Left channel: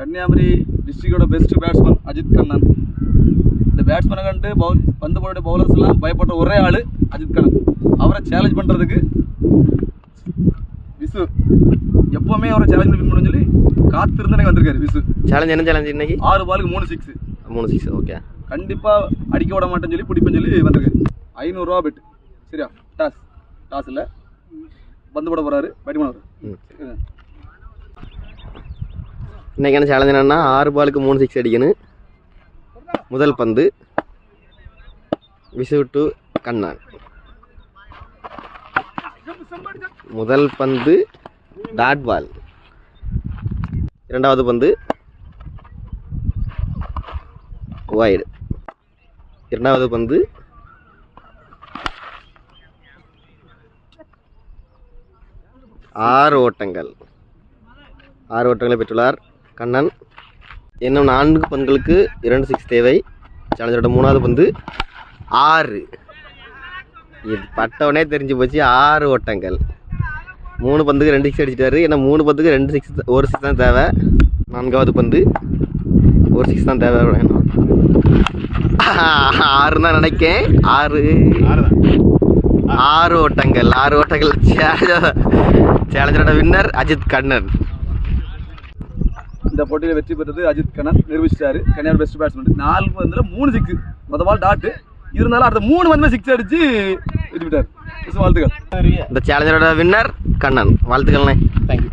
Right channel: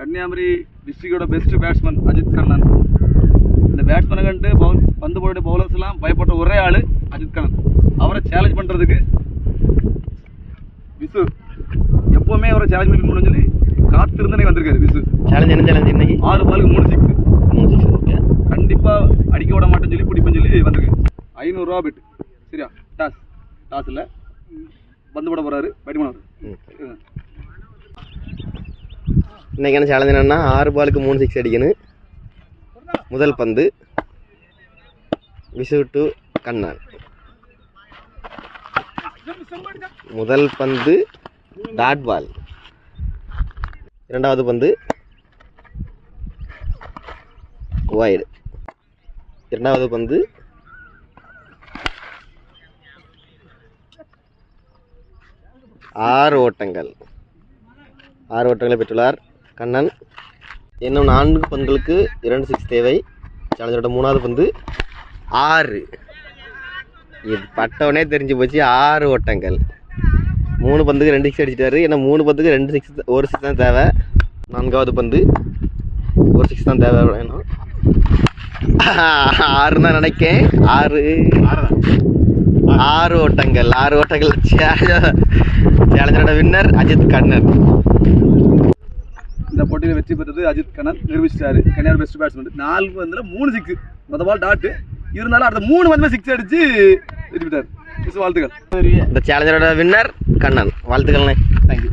கன்னியாகுமரி டிஸ்ட்ரிக்டோட best batsman Ajith Kannan. இந்த பேட்ஸ்மேனை கண்டு பந்து போட பவுலர்ஸ் எல்லாம் பயப்பட்ட ஒரே ஆள் அஜித் கண்ணன். அவரை சேலஞ்ச் பண்ணுறதுக்கு விசு எப்போவுமே அவரை சேலஞ்ச் பண்ணணும்னு சொல்லி காத்திருந்து எனக்கு வந்திருக்காரு. விசு சேலஞ்ச் என்ன சேலஞ்ச் இன்னைக்கு? 6 பாலுக்கு 3 சிக்ஸ். 3 சிக்ஸ். ஓகே, கண்டிப்பாக அடிக்க விட மாட்டேன்னு சொல்லி பிடிப்பேன்னு சொல்லி வந்திருக்கு. 500 ரூபா பெட். சரியா? டாஸ் இல்லை, பந்து போட போகிறாரு, பேட்டிங் பண்ண வர்றாரு. இன்னைக்கான சேலஞ்ச் என்னன்னா 6 பாலுக்கு 3 சிக்ஸ் அடிக்கணும். முதல் பந்து விசு டு கண்ணன். முதல் பந்து டாட் பால். இரண்டாவது பந்து வைடு. இரண்டாவது பந்து ஆறு ஓட்டங்களை பெற்றுள்ளார் கண்ணன். இன்னும் 4 பந்துகளுக்கு 2 சிக்ஸ் தேவை. சேலஞ்சரோட 3வது பந்து 6. இது பட்டவனே தெரிஞ்சு போச்சு. 6 ஓட்டங்கள். 3 பந்துக்கு 2 சிக்ஸ் அடிச்சிட்டாரு. ஏன்னா 3 பந்துக்கு 2 சிக்ஸ், 1 சிக்ஸ் தான் தேவை. 4வது பந்து 1 சிக்ஸ் தான் தேவை. 6 தான் நினைக்கேன். 6 ஓட்டங்கள். சேலஞ்சரோட வின்னர் அஜித் கண்ணன். இந்த போட்டியில் வெற்றி பெற்றது அஜித் கண்ணன் நிரூபிச்சிட்டாரு. Kanyakumari best batsman. 4 பந்தில் 3 சிக்ஸ். மொதல் பால் டாட்டு இருந்தாலும் அடுத்த 3 பந்துமே சிக்ஸ் அடிச்சு வெற்றி பெற்றார். வாழ்த்துக்கள். இந்த சேலஞ்சரோட வின்னர் கண்ணன். வாழ்த்துக்கள்ண்ணே. தேங்க்யூ.